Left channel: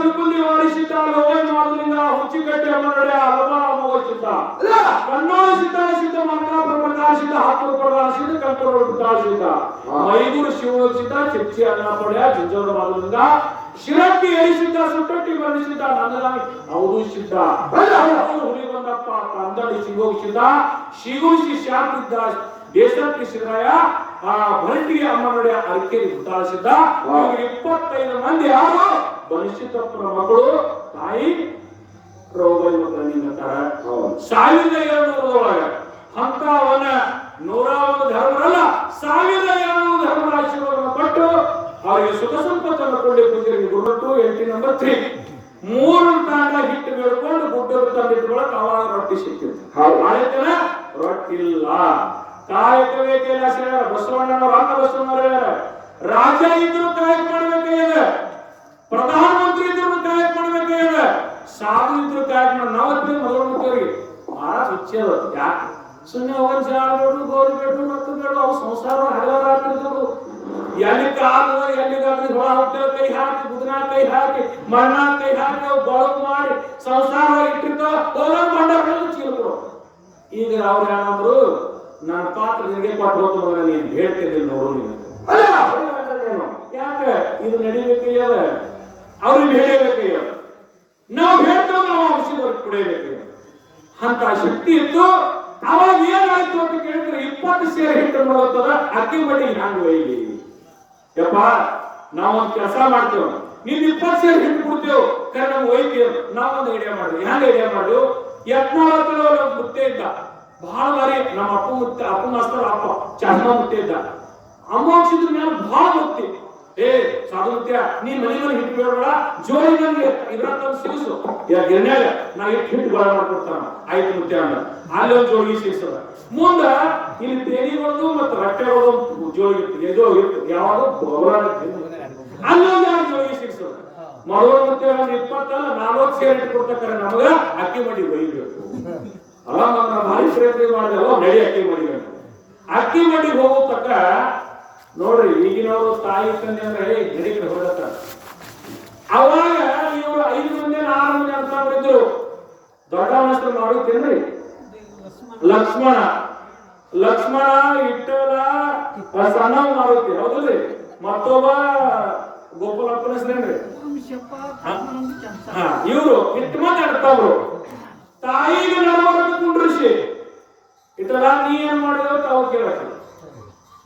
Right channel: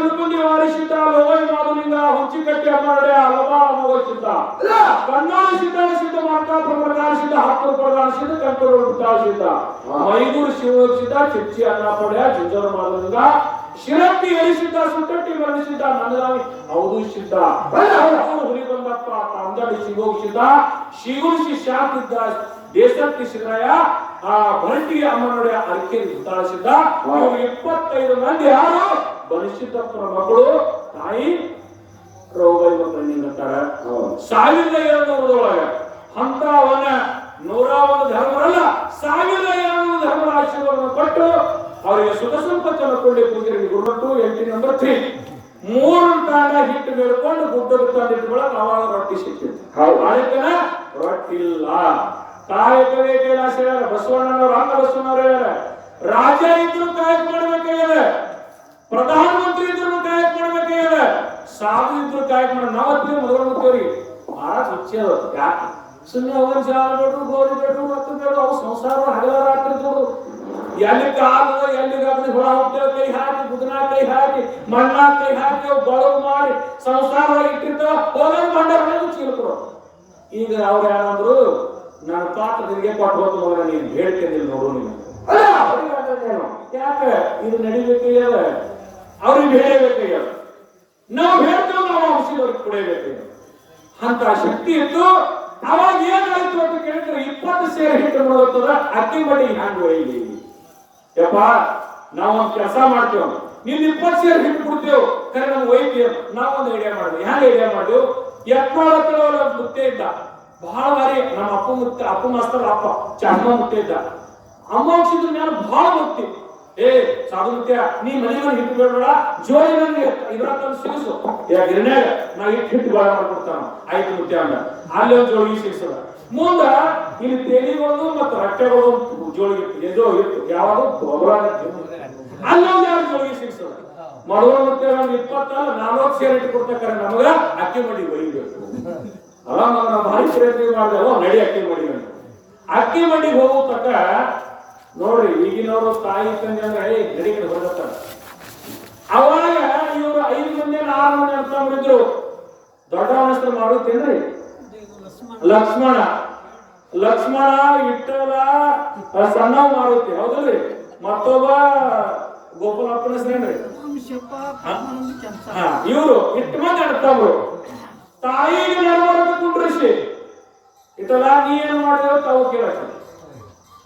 ತುಳುಕುಂದಿ ವಾರಿಸಿದ್ದ ಲೋಯ ಮಾದಲಿಂಗ ಹುಂಚಿಕಟ್ಟಿ ಅಮ್ಮನಡೆ ಹಲವಾರು ಅಮೋಚಿದ್ದ ಕಣ್ಣಾಳು ಸಿದ್ಧಾಳ ಸಿದ್ಧ ಮಾರ್ಕಾಪುರ ಪ್ರಕಾರ ಸಿದ್ಧ ಹಾಪುರ ಪ್ರಕಾರ ಸಿದ್ಧ ಕಂಕೂರು ಪ್ರಕಾರ ಸಿದ್ಧ ಮೈದೂರು ಶಿವಸಿದ್ಧ ಚಿಪ್ಚಿ ಅನ್ನಪಡೆಯ ಜುಂಜರ ಮಾದಲಿಂಗ ಶಿರಟ್ಟಿ ಎರಿಸಿದ್ದ ಸುಟ್ಟಟ್ಟಿ ಬರೆಸಿದ್ದ ನಂದರಾಮಿ ಹೌದು ಸಿದ್ಧ ಹುಲಿ ಬಂದಪ್ಪ ಕಂದಡಿ ಶಿವೋಗಿಸಿದ್ದ ಶಿಗುರಿಸಿ ಶಾಂತಿದ್ದ ದೇಶಕ್ಕೆ ಶಿವರಾಯ ಆ ಭರಟಿಗೆ ಅಮ್ಮನೊಡೆ ಅರಕೆರೆ ಸುತ್ತಾಳಿಸಿದ್ದ 25 ಮಂದಿ ಯಾರು ಬನಶಿದ್ದಪ್ಪನ ಮಕ್ಕಳು ತಾಯಿ ರೋಗೈ ಮಕ್ಕಳನ್ನ ಅಂತಾರೆ 1200 ಅಂತ ಅವನ 101 ಧರ್ಮರಲ್ಲ 1200 ಧರ್ಮರ ಆಶೀರ್ವಾದವನ್ನು ಕೊಟ್ಟು ಅವರಿಗೆ ಸುಖ ಸಂಪತ್ತನ್ನು ಕೊಂಡಿ ಪೂಜೆಗೆ ಗುರುತು ಎಂಟ್ರಿ ನಂಬರ್ 3 3 ತಾಣ ಹಿಟ್ಟು ಬೇಡ್ಕೊಂಡು ಗುಡ್ಡದ ತಂದಿಟ್ಕೊಳಕ್ ಅವಾಗ ರೊಟ್ಟಿ ಸಿಕ್ಕಿತ್ತು ಆಯ್ತನ ರೊಟ್ಟಿಲ್ಲ ಕಾಯಕವೇ ಕೈಲಾಸ ಹೇಳ್ಯಾರ ಬಸವಣ್ಣನವರು ಅಕ್ಕ ಬಸವಣ್ಣವ್ರು ಹೇಳ್ಯಾರ ರಾಜ ಇದ್ರು ಕಾಯಕ ಮಾಡ್ಬೇಕಾಗ್ಯದ ಪ್ರಧಾನಮಂತ್ರಿ ಇದ್ರು ಕಾಯಕ ಮಾಡ್ಬೇಕಾಗ್ಯದ ಸಾಧು ಇದ್ರು ಕಾಯಕ ಮಾಡಿ ನಾವತ್ತಿ ಮದುವೆ ಬಹಳ ಹುಚ್ಚದ ಯಾಕೆ ಸುಮ್ಮನೆ ಅವನ್ ಜಾಲ ಬೇಡು ಗೋರು ಬೇಡು ರೊಕ್ಕ ಬೇಡು ಅವು ಸಂಸಾರ ಹಗಲಾರ ಆಗ್ತಿರ್ತಾರು ಎಲ್ಲಿ ಕಾಲು ಎಲ್ಲಿಗಾದ್ರೂ ಹೊಳ ಹೋಗ್ತೇವೆ ಕೈ ಹಾಕಿ ಬುಧನ ಕೈ ಹಾಕಿ ಮಣ್ಣ ಕೈ ಹಾಕಿ ಅವು ಬಳಗು ಮಾಡಿ ಸಂಸಾರ ಇಟ್ಟಿರ್ತಾವ ಹೋಗೋದು ಬಂಡಾರ ಚೀಲಕರು ಈಗ ಅವ್ರು ಏನಂದ್ರು ನನ್ನ ಪಾತ್ರ ನಿನಗೆ ಕೊಟ್ಟು ಹೋಗ್ತು ನೀನು ಹೇಳ್ತೇನೆ ನೋಡು ನೀನು ಯಾಕೆ ಇದು ನಡಿಬೇಕಯ್ಯದ ಅವ್ರಿಗೆ ಹೇಳಬೇಕಯ್ಯ ನಾವು ಹೇಳ್ತೇವೆ ನಾವು ಔಷಧವ್ರಿಗೆ ಕುಡಿಯಬೇಕಯ್ಯ ಅಂತ ಶಕ್ತಿ ಇತ್ತು ಅವಾಗ ಏನಾಯ್ತು ಅಂತ ಕೇಳಿದ್ರೆ 20 ಸೇರಿ ಹಿಟ್ಟು ನೋಡುತ್ತದ ಅಕ್ಕಿ ಬಡ್ಡಿ ಹ್ಯಾಂಗ ಒಯ್ಲಿ ಯಪ್ಪ ನಾವೊಂದು ಕೆಲಸ ಮಾಡ್ತೇವೆ ನೀನ್ 20 ಸೇರಿ ಹಿಟ್ಟು ಬಿಡ್ತೇವೆ ಕರೆ ನಮ್ಗೆ ಒಯ್ತೀವಿ ನಾವೊಂದು ಐಡಿಯಾ ಮಾಡಿದ್ವಿ ಹ್ಯಾಂಗ ಐಡಿಯಾ ಮಾಡಿದ್ವು ಯತ್ನಾಳ ಮುತ್ತೆ ಇದ್ದ ಬಹಳ ಬಾರಿ ನಮ್ಮ ಅಪ್ಪ ಮಾಸ್ತರ್ ಅಪ್ಪ ಚರ್ಮ ಮುತ್ತೆ ಇದ್ದ ಅಮ್ಮ ಔಷಧ ಮೇಲೆ ಬಹಳ ಮುಕ್ತಿ ಸಾಧು ಮುತ್ಯ ನೀ ಮನೆಯಲ್ಲಿ ಹಿಟ್ಟು ಬೇಡ ಜೋಡಿ ನನಗೆ ಇದ್ರಂತ ಸಿಗಿಸು ಗಿರಣೆಯಾಗ ನಾ ಹಿಟ್ಟು ಬಾಳ ಮಾಡ್ಕೊಡ್ತಾನ ಆಯ್ತು ಮುತ್ಯ ಅಂದ ಅಲ್ಲಿ ಒಂದು ಜೋಳಿಗೆ ಸಿಗಿಸದ ಮುಂದ ಇಲ್ಲಿ ತೇಲಿಗೊಂದು ಮತ್ತು ರಟ್ಟೆಗೊಂದು ಜೋಳಿಗೆ ಎದೋ ಇತ್ತು ಯಾವಾಗ ಅಲ್ಲೊಂದು 2 ಜೋಳಿಗೆ ಸಿಗಿಸದ ಮರುಳ ಮುತ್ಯ ಒಂದು 20-40 ಸೇರಿ ಇಟ್ಟು ಕೊಡ್ತಾರೆ ನಮಗ ಅಕ್ಕಿ ಮಡಿ ಒಯ್ಬೇಕು ಅಲ್ಲ ನಾವು ಭಾರಿ ಪ್ರಯತ್ನ ಮಾಡಿದೆವು ನಡಿ ಅಕ್ಕಿ ಮಡಿಗೆ ಅಕ್ಕಿ ಮಡಿಗೆ ಹೋಗೋ ತಕ್ಕ ನೋಡ್ರಿ ಈಗಿನವರು ತಾಯಿ ತಂದೆ ಅಂದ್ರೆ ಗಡಿ ಕಡೆ ಹೊರಗತ್ತಾರೆ ಅವಾಗ ಇವರು 5 ಮಂದಿ 6 ಮಂದಿ ಅಂತ ಮಾಡಿದ್ರು ದೊಡ್ಡವನಷ್ಟು ಮಾಡುತ್ತೇನ್ರಿ ಲಕ್ಷ್ಮಣ ಇಟ್ಟಲ ಸಣ್ಣ ಮಾರುತಿ ಹೌದಲ್ರಿ ಮತ್ತೊಬ್ಬ ಗೋಪಾಲಪ್ಪನ ಹೆಸರೇನ್ರಿ ಇವರು ಇಟ್ಟು ಮಂದಿ ಅಡ್ತವ್ರು ತಾಯಿಗೆ ನಡವಳಿಕೆ ಕುಂಡ್ರಿಸಿ ಇಟ್ಟಲ ನೀ ಏನ್ ಮಾಡಿದ್ರೆ ತಾವು ಕೇಳಕ್ಕೆ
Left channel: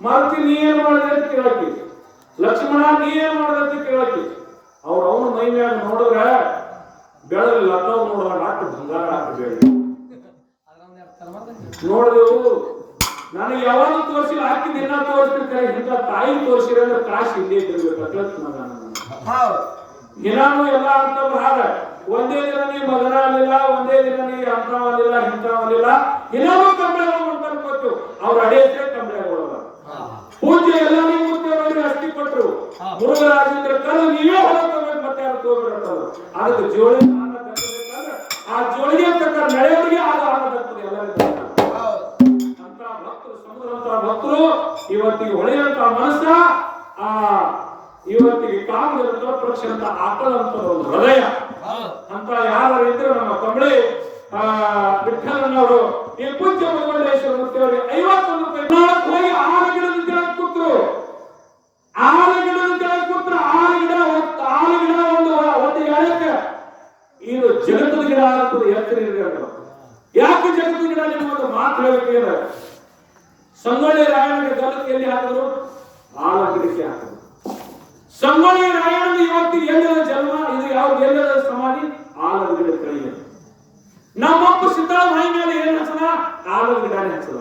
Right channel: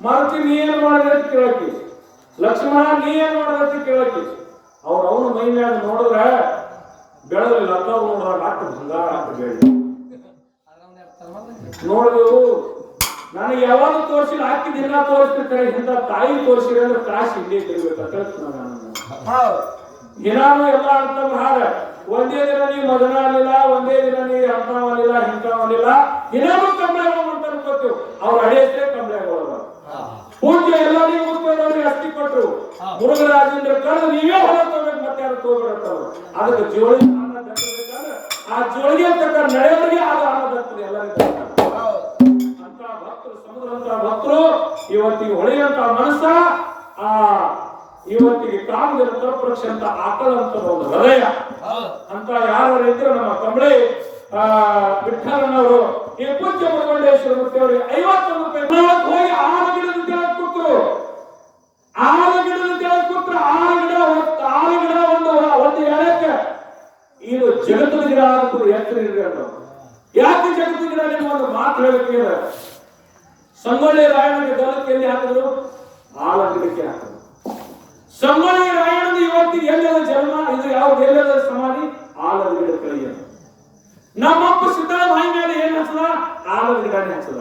ಮಾರುತಿ ನೀ ಏನ್ ಮಾಡಿದ್ರೆ ಅಂತ ಕೇಳಕ್ಕೆ ಲಕ್ಷ್ಮಣ ನೀ ಏನ್ ಮಾಡಿದ್ರೆ ಅಂತ ಕೇಳಕ್ಕೆ ಅವನ ಮೈ ಮ್ಯಾಗ ನೋಡಿದ್ರೆ ಬೆಳಲಿಲ್ಲ ತಾವು ನೋಡಿದಾಗ ಅಷ್ಟು ಬಂಗಾರ ಅಷ್ಟು ಬೆಳ್ಳಿ ನೋಡಿದೆವು ನನಗೆ ಯಾವಾಗ ತೋರಿಸಿಲ್ಲ ಹಾಕಿ ದಿನ ತೋರಿಸ್ತಿರ್ತಾರೆ ಇಂಥ ತಾಯಿ ತೋರಿಸಿದ್ರೆ ಅಂದ್ರೆ ಕಾಶಿ ಇಲ್ಲೇ ತಿರ್ಬೇಕು ದಿನಾನು ಎಲ್ಲ ಅಂತ ಹಾರ ಒಂದೇ ದಿನ ನೀ ಮಗನ ಅಲ್ಲಿಲ್ಲ ಒಂದೇ ದಿನ ನೀ ಅಂತವಲ್ಲಿಲ್ಲ ಇಂಥವಲ್ಲಿಲ್ಲ ದಿನಾನು ಕಂಬಳಿ ಅಂತ ಅನ್ಕೋತು ಅವ್ರ ಅಡೆ ಹೆಸರೇ ಕಂಬಳಿ ಆಗೋಲ್ಲ ಪೂಜ್ಯ ಎಲ್ಲ ನೀವು ಮುಖ್ಯವಾಗಿ ಅಸ್ತಿ ಕೊಟ್ಟರು ಮುರುಘರಾಜೇಂದ್ರ ಕರೆದು ನೀವೇ ಹೊಲ ತಗೋಬೇಕು ಮತ್ತೆ ಯಾರು ತಗೋಬೇಕಂತವ್ರು ಅದಕ್ಕೆ ಜೋಳಿ ಆ ಜೋಳಿಗೆ ತಕ್ಕ ನಡೆಯವರಿಗೆ ಆಗ ಆನಂದಾಗ್ತದೆ ಎಲ್ಲರಿಗೂ ಅಂತ ಭಕ್ತರು ಸಮುದ್ರಂತ ಭಕ್ತರು ಇವತ್ತಿಗೆ ಹೊಳೆಯಂತ ಮನಸ್ಸ ಆ ಇವತ್ತಿಗೆ ಕಾಮದ ತರಪರಕ್ಷೆ ಅಂತ ಆಕಳಂತ ಒಂದು ಹೃದಯ ಅಂತ ಯಾರು ಇದ್ರು ನಮ್ಮ ಕಂಬಳಿ ವಿಠಲನವರು ಈ ಪೂಜ್ಯ ಮುರುಘಮಂಡೇಶ್ವರ ಮೂರ್ತಿಯವರಿಗೆ 51 ರೂಪಾಯಿ ಹೋಗಿ ಆಲಗಿಡದ ಕೆಳಗೆ ಕೂತ್ರು ಆಲಗಿಡದ ಒಂದು ಹೇಳಕ್ಕೆ ಇದು ಜಗತ್ತದ ಗಿಡ ಆಗ್ತದೆ ಎತ್ತರ ಯಾಕೆ ಜಗತ್ತದ ಗಿಡ ನಿಮ್ಮ ಒಂದು ಮಾತು ಹೇಳಬೇಕಿದೆ ಸಂಗೊಳ್ಳಿ ರಾಯಣ್ಣಗೆ ಗಲ್ಲಕ್ಕೆ ಎಲ್ಲಿ ಹಾಕಿದ್ರು ಆಲಗಿಡಕ್ಕೆ ಹಾಕಿದ್ರು ಸಂಗೊಳ್ಳಿ ರಾಯಣ್ಣನ ಇವತ್ತಿಗೆ ಎಲ್ಲದ ಜನ್ಮ ಇದು ಯಾವ ಎಲ್ಲದ ಸಮಾಧಿ ಆಲದ ಗಿಡ ಕಳಿಯ ನಮ್ಮಪ್ಪ ಸಿದ್ದಾಳ ಮೈ ಮೇಲೆ ಏನ್ ಹಚ್ಚಲ ಆಲದ ಗಿಡನೇ ಹಚ್ಚಲ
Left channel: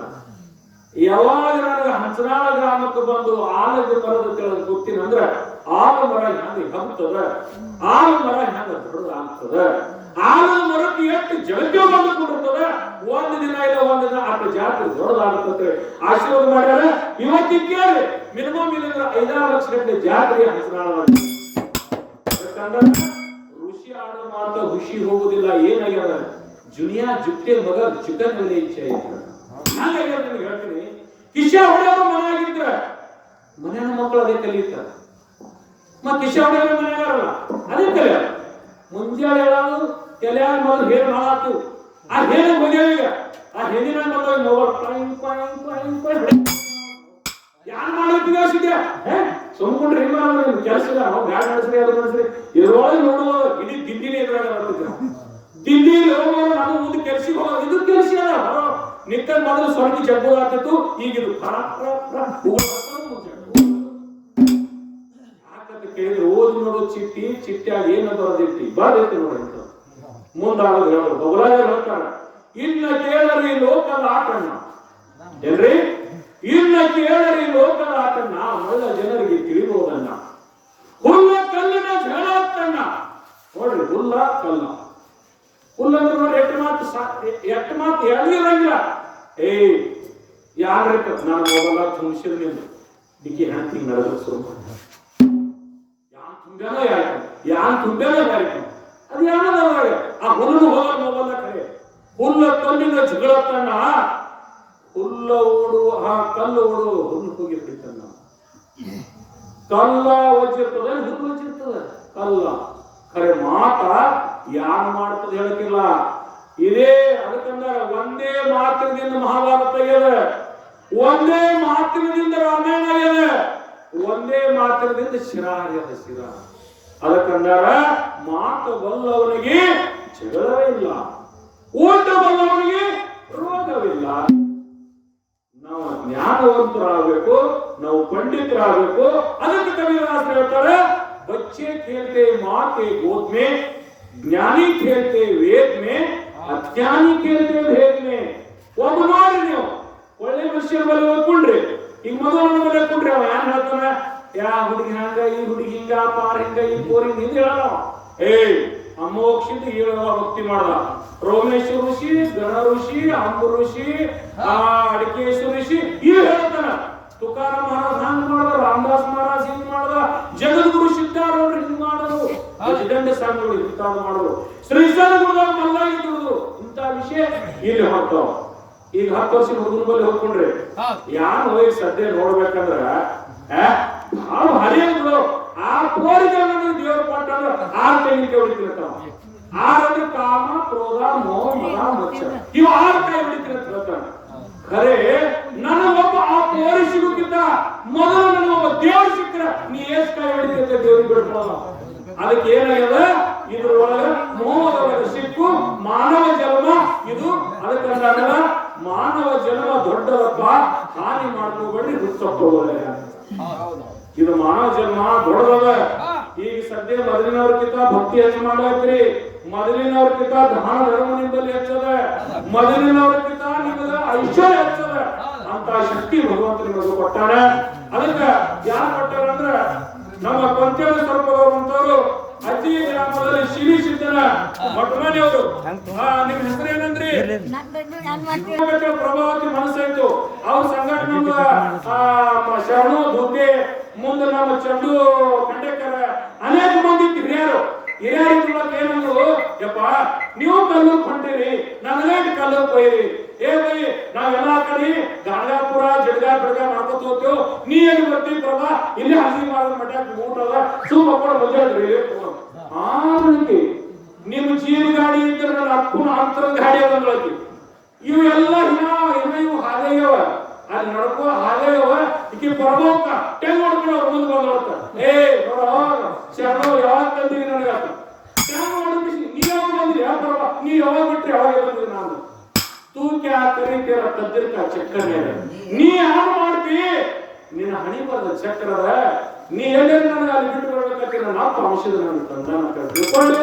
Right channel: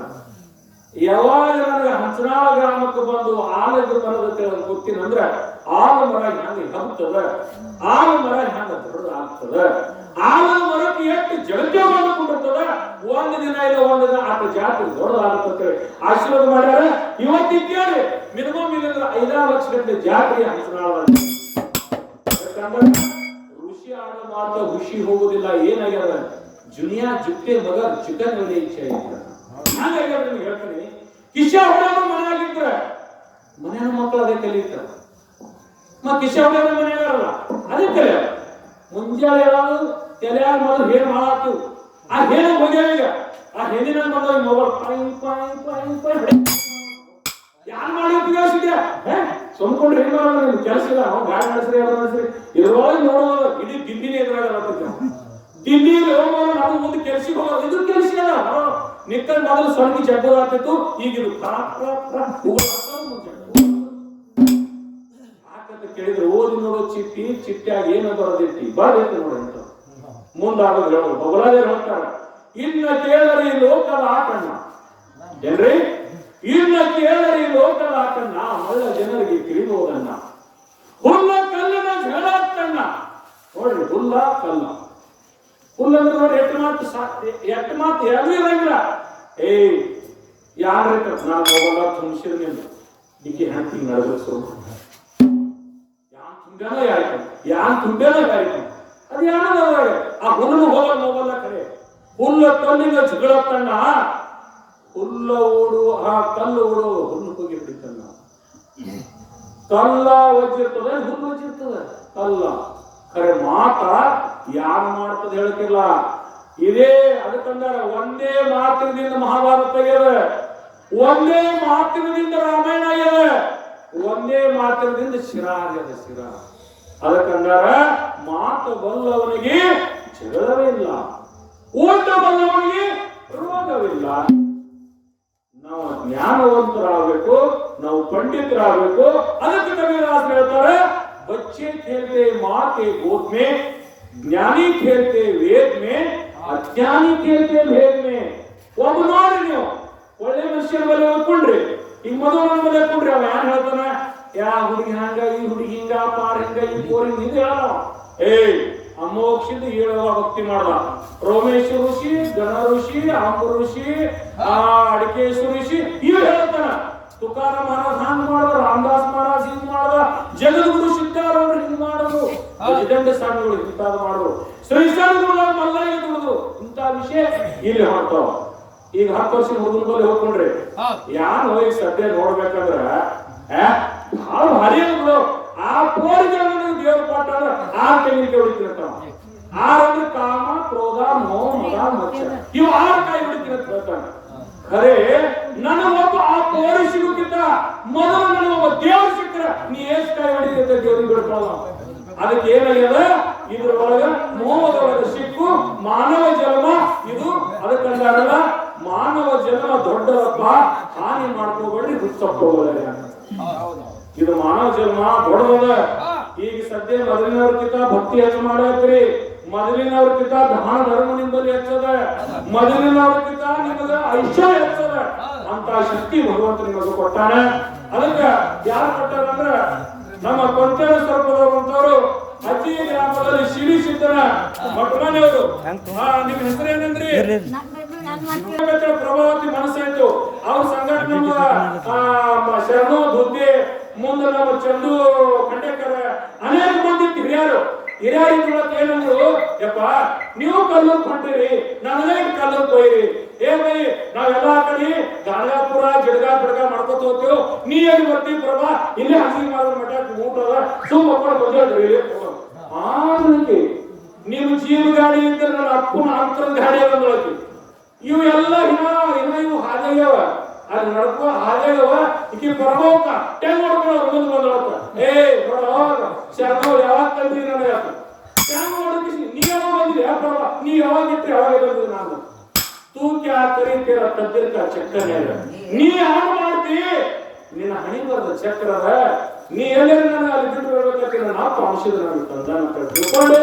ಯಾವಾಗ ನನಗೆ ಹಂಚನಾಳ ಗ್ರಾಮಕ್ಕೆ ಬಂದು ಆಲದ ಮರದ ಕೆಳಗೆ ಗೊತ್ತಿನಂದ್ರೆ ಆಲ ಮರ ಹೆಂಗ ಹಬ್ಬತದ ಆಲ ಮರ ಹೆಂಗ ದೊಡ್ಡದ ಆಗ್ತದ ಆಲದ ಮರಕ್ಕೆ ಎಷ್ಟು ಜಗತ್ತೇ ಬಂದುಕೊಂಡಿರ್ತದ ಒಂದು ದಿನ ಇಲ್ಲ ಒಂದು ದಿನ ಆತ ಜಾತಿ ದೊಡ್ಡದಾಗುತ್ತೆ ಆಶೀರ್ವಾದ ಮಾಡ್ಯಾರ ಇವತ್ತಿಗೆ ಕೇಳಿ ಮಿನಿಮಮ್ ಇಲ್ಲಂದ್ರೆ 5-6 ಲಕ್ಷ ಗಟ್ಟಲೆ ಜಾತ್ರೆ ಹಂಚನಾಳದಲ್ಲಿ ಋಷಿ ಆಡ ಮಾತ್ರ ಖುಷಿ ಹೋಗುದಿಲ್ಲ ಏನಾಗ್ಯದ ಜುನಿಯಾ ಜುಕ್ಕೆ ಮಗ ಚಿಕನ್ ಮೇಲೆ ಇಚ್ಛೆ ಐತೆ ಹಾಗಾಗ್ಯದ ನಿಮ್ಗೆ ಹೇಳ್ತೀನಿ ಕಿಶ ಹೊಡೆಯವರು ಮನೆಯಾಗಿದ್ರ ಮನೆಯ ಮಕ್ಕಳು ಅದೇ ಕಲಿಯುತ್ತಾರೆ ಮತ್ತೆ ಕಿಶ ಹೊಡೆಯವರು ಮನೆಯಾಗಾರಲ್ಲ ಅದೇ ಕಲಿಯ ಮುಂಜಾನೆ ಹೇಳೋದು ತಲೆಯಾಗ ಮೊದಲು ಹೇಳಿ ಮಾಡಾಕ್ತಿವು. ಆ ಹೇಳಿ ಹೋಗ್ಯಾವ ಈಗ. ಆ ಹೆಣ್ಣಿನ ಬಂದ ಮೊಬೈಲ್ ಯಾರು ಮಾಡ್ಲಿಕ್ಕೆ ಸುಮ್ಕೊಂಡ್ರೆ ಹೆಂಗ್ ಮಾಡೋದು ಕೆಲಸ ಇಲ್ಲ. ನಾವು ಗಾಡಿ ನಡೆಸ್ರಿ ಅದು ನಡೆಸ್ರಿ ಇದ್ರೊಳಗೆ ನೋಡುವುದು ಇಡೀ ದಿಲ್ಲಿನೇ ಎದುರಾಗ ದಿಲ್ಲಿ ಹೋಗುವಾಗ ನಾವು ಮುಂದೆ ಕೆಲ್ಸಿಗೆ ಹೋಗೋದು ಇದು ಕೆಲಸ ನಿಕ್ಕಲ್ ಮೊದಲು ಸ್ವರ್ಗಿ ಜಗ್ಗು ಆಗ್ತಿತ್ತು. ಈಗ ಇದು ಯಾಕಂತ ಕೇಳಿದ್ರೆ ಓದಿ ನೋಡೋ ಚಿಟ್ಟಿಯಾಗಿ ಏನೋ ಬರೋದಿಟ್ಟಿ ಬರದೈತಿ ನೋಡಿ ಅಂತ ಮುಂದಾಗೋದು ಹೇಳೋದು ಬೊಗಲಾಗ ಹೇಳ್ತಾರ. ಇನ್ನ ಕೇಳರಿ ಲೋಕದ ಆಟಣ್ಣ ಏನ್ರಿ, ಇನ್ನ ಕೇಳರಿ ಲೋಕದ ಆಟಣ್ಣ ಮಳ್ಳ ಜನರಿಗೆ ತಿಳಿಬೋದನ್ನ. ಹುಲ್ಲ ಕಲ್ಲಿನ ಜಗಳಾಗ್ತಣ್ಣ ನೋಡ್ರಿ, ಹುಲ್ಲ ಕಲ್ಲ. ಹುಲ್ಲಂದ್ರೆ ನೋಡಿ ಎಟ್ಟು ಮಾತು ಯಾರು ಇರಂಗಿಲ್ಲ. ಯಾರ ನಾನು ಹೋಗಲ್ಲ ತುಂಬಿಸಿದ ನೀನು ನಿಕ್ಕೆ ಹೆಣ್ತಿಂಗ್ ನಡೆದ್ರು ಯಾನ್ ತುಂಬೇನೋ ಯಾರಿಕ ಅದು ಯಾನದಾಗ ಆ ಹುಲ್ಲು ಹೋಗಲ್ಲ ಹೋಗಲ್ಲ ಕರೆ. ಹುಲ್ಲ ಕಲ್ಲಿನ ಜಗಳತ್ತಣ್ಣ, ಹುಲ್ಲ ಓಡು ಆ ಕಲ್ಲು ಓಡು ಹುಲ್ಲು ಹೋಗಿ ಹಿಡಿತಣ್ಣ. ಕಲ್ಲ ಒಜ್ಜಿರ್ತದೆ, ಹುಲ್ಲು ಒಜ್ಜಿರ್ತದೆ. ಕಲ್ಲ ಖರೆ ಮಾತ ಯಾರು ಮಾಡ್ತದೆ ಹೇಳಕ್ಕಿಲ್ಲ. ಇದೇ ಅದಕ್ಕಂದ್ರೆ ಒಂದೇ ಮಾತಿನಿಂದ ಮಹಾಭಾರತ ಆಗ್ಯದ, ಒಂದೇ ಮಾತಿನಿಂದ ರಾಮಾಯಣ ಆಗ್ಯದ, ಒಂದೇ ಮಾತಿನಿಂದ ಶಿರ ಆಗ್ಯದ ಶಿರ. ಅದಕ್ಕಂದಾರ ಮಾತು ಬಲ್ಲವನಿಗೆ ಜಗಳವೇ ಇಲ್ಲ, ಊಟ ಬಲ್ಲವನಿಗೆ ರೋಗವಿಲ್ಲ. ನಾವು ಜ್ಞಾನವಂತರಾಗಬೇಕು, ನಾವು ಪಂಡಿತರಾಗಬೇಕು. ಅದಕ್ಕೆ ಕವಿರಾಜ್ ಹೇಳ್ತಾರೆ, बच्चे खेलते माँ के गोद में, ज्ञानी खेलते वेद में, अज्ञानी खेलते भेद में. ಒಬ್ಬ ನೋಡ್ರಿ ನೀವು ಒಳ್ಳೆ ಮನುಷ್ಯನ ಬಲೆ ಓದ್ಕೊಂಡ್ರಿ, ಈಗ ಮದುವೆ ಬಲೆ ಓದ್ಕೊಂಡ್ರಿ. ಅವ ಏನ್ ಹೇಳ್ತಾನ, ಯಾ ಹುಡುಗಿ ಹಂಗ ಈ ಹುಡುಗಿ ಹಿಂಗ ಪಾರ್ ಹಿಂಗ ಈ ಪೋರಿ ಹಿಂಗ ಹೇಳೋ. ಅಮೋಕ್ಷದ ಹೇಳುವ ಭಕ್ತಿ ಮಾಡ್ದ ರೋಮೇಶ್ವರ ಋಷಿ, ಗಣ ಋಷಿ, ಅಂಬ ಋಷಿ, ಅಡಿಕೇಶ್ವರ ಋಷಿ ಇವು ಹೇಳ್ತಾನ. ತುಕಾರ ಮಹಾರಾಜ್ ಹಂಗ ಮಾಡ್ದ, ರಾಮದಾಸ್ ಮಹಾರಾಜ್ ಹಿಂಗ್ ಮಾಡ್ದ, ಜಗದ್ಗುರು ಸಿದ್ಧಾರೂಢರು ಹಿಂಗ್ ಮಾಡೋದು, ಅಜದಂಡ ಸ್ವಾಮಿಗಳು ಇಂತಾದ್ ಮಾಡೋದು, ಶ್ರೀಶೈಲಗುರುಗಳು ಮಲ್ಲಾಗಿ ದುಡಿದು ಇಂತ ವಿಷಯ ಇಲ್ಲಿ ಹೊರತಾವ. ಈಗ 10 ವರ್ಷ ಹುಡುಗನ ಬಲ್ಲಿ ಹೋಗ್ಕೊಂಡ್ರಿ ಯಾನ್ ಹೋಗಿ ಸದ್ಯ ನೋಡ್ಬೇಕಂದ್ರ ಬಹಳ ಭಾರಿ ಅಂದ್ರು. ಆ ಪೋರಿಗೆ ನನಗೆ ದೇವ್ರ ಪಾಠ ಅಂದ್ರೆ 6 ತೆಂಗಿನಕಾಯಿ ಹೊಡಿತಿರ್ತಾವ. 6 ಅಂದ್ರೆ ಕಾಮ, ಕ್ರೋಧ, ಮೋಹ, ಮದ, ಮತ್ಸರ ಇವು 6 ಕಾಯಿ ಹೊಡಿತಿರತ್ತ ಹೇಳ್ತಾನೆ. ಖರೆ ನನಗೊಬ್ಬ ಆ ಪೋರಿ ಸಿಗುತ್ತಿದ್ದ ಮೊದಲು ನನಗೊಬ್ಬ ದೇವ್ರು ಸಿಕ್ಕರೆ ನೀ ಎಷ್ಟು ಕಾಯಿ ಹೊಡಿತಿದ್ದ ದೇವ್ರಿಗೆ ಬಿಡ್ಕೊಳ್ಳ. ಅದಕ್ಕೆ ಏನಾಗ್ಯದ, ಇದ್ರ ಒಳಗ ಮೋಹದೊಳಗೆ ಸಿಕ್ಕು ಮಾನವ ಜನ್ಮ ಇದು. ಅದಕ್ಕಂದಾಗಲ್ಲ ಮಾನವ ಜನ್ಮ ದೊಡ್ಡದಪ್ಪ, ಹಾನಿ ಮಾಡ್ಕೋಬೇಡ್ರಿ, ಹುಚ್ಚಪ್ಪೋಗಲ್ಲ. ಇದು ಮಾನವ ಜನ್ಮ ದೊಡ್ಡದ. ಈಗ ಸದ್ಯ ಮೊದಲಿನವ್ರಕ್ಕಿಂತ ಭಕ್ತಿ ಹೆಚ್ಚು ಮಾಡ್ಬೇಕ್ರಿ, ಮೊದಲಿನವ್ರಕ್ಕಿಂತ ದಾನ ಧರ್ಮ ನಿಂಬಲ್ಲಿ ಹೆಚ್ಚದ, ಮೊದಲಿನವ್ರಕ್ಕಿಂತ ನಿಮಗೆ ಐಶ್ವರ್ಯ ಹೆಚ್ಚದ. ಅಂತ ಶಕ್ತಿ ಭಗವಂತ ನಿಮಗೆ ಕೊಟ್ಟಾನೆ. ಅದಕ್ಕೆ ಯಾರು ಕೊಟ್ಟಾರ ಅಂದ್ರೆ ನಮ್ಮ ಕೊಂಚೇಳ ಸ್ವರೂಪದವರು ಅಂತವರು ಅಜ್ಜಿ ಗ್ರಾಮದಲ್ಲಿ ಶಿಲಿ ಸಿದ್ದನ ಮಠಮನೆಯವರು. ನಿಮ್ ಹೆಸರು ಏನಂದ್ರಿ? ಪ್ರಭಾವತಿ ಮನಸ್ಸಾಯ್ತು. ಅವ್ರ ಸಂಘಟನೆ ನಮ್ಮ ಶರಣು ದುರ್ಗೆ, ಮುಂದೆ ನಮ್ಮ ಚಂದು ಖಂಡೇಕರ, ಅನೇಕ ಮಂದಿ ಹಿರಿಯರು ಹಿರಿಯರೊಳಗೆ ಏನಂದ್ರು, ಯಪ್ಪ ನೀವು ಕಲ್ಲೂರ್ ಕೊಂಡಿರಿ, ನನಗೆ ಕಲ್ಲೂರ್ ಕೊಯ್ರಿ. ಬೈ ನಾವೆಲ್ಲ ಕಡೆ ಗಂಗಾಪುರ ಜಡ್ಗ ಬಿಡ್ಗ ಮಾಡ್ಕೊತ ಹೋಗ್ತೇವ್, ನೀ ಎಲ್ಲಿ ಬರ್ತೀವಿ ಪ್ರಭಾ, ಇಲ್ಲೇ ಹಂಗಿ ಮಾಡೋದ್ ಮಠ ಊಟ ಅದ ಸುಮ್ ಮಕ್ಕಳು ಮದುವೆ. ಆಮೇಲೆ ನಿಮ್ ಜೀವ ಗಾಡಿ ಇದ್ರೆ ನನ್ನ ಅಪ್ಪನ ಅಂತರದ ಗಾಡಿ ಅದೊಂದೊಳಗೆ ಇವೆಲ್ಲ ಇವು ಹಾದೇಗವ ಅಲ್ಲಿ ನಡ್ಕೋ ಹಾದೇಗವ. ಈಕಿ ಪ್ರಭಾವಕ ಟೆಂಗ್ ನೋಡ್ಕೊಂಡು ಅವ್ರ ಮುಂದೆ ಬಂದವತ್ತ, ನೋಡ ಶರ್ಮ ಯಾವಾಗ ತಂದಿರಿ ನನಗ ಟೆಂಗ್ ನೋಡಿಸಿ, ನೀ ಯಾವಾಗ ಬಂದಿರಿ ಪ್ರಭಾ, ನೀ ಯಾವಾಗ ಇಟ್ರಿ ಯಾವಾಗ ಬಂದಿರಿ. ನಾನು ತೂ ಕ್ಯಾ ಕರೀತೀರ ತದ್ದಿರ್ಕ ಚಕ್ರ ಮೇಲೆ ನೀ ಯಾರು ಮಾಡ್ತಿ, ನಿನ್ನ ಹಣಿ ಬರದ ಚಕ್ರದ. ನೀ ಎಲ್ಲೇ ನಾನು ಅಲ್ಲಿ ಬಿಟ್ಟು ಬರ್ಬೇಕಂತ ನನ್ನ ಅಪ್ಪ ಅಂಶದ ನಾನು ತಂದ ತಿಳ್ಕೊಂಡು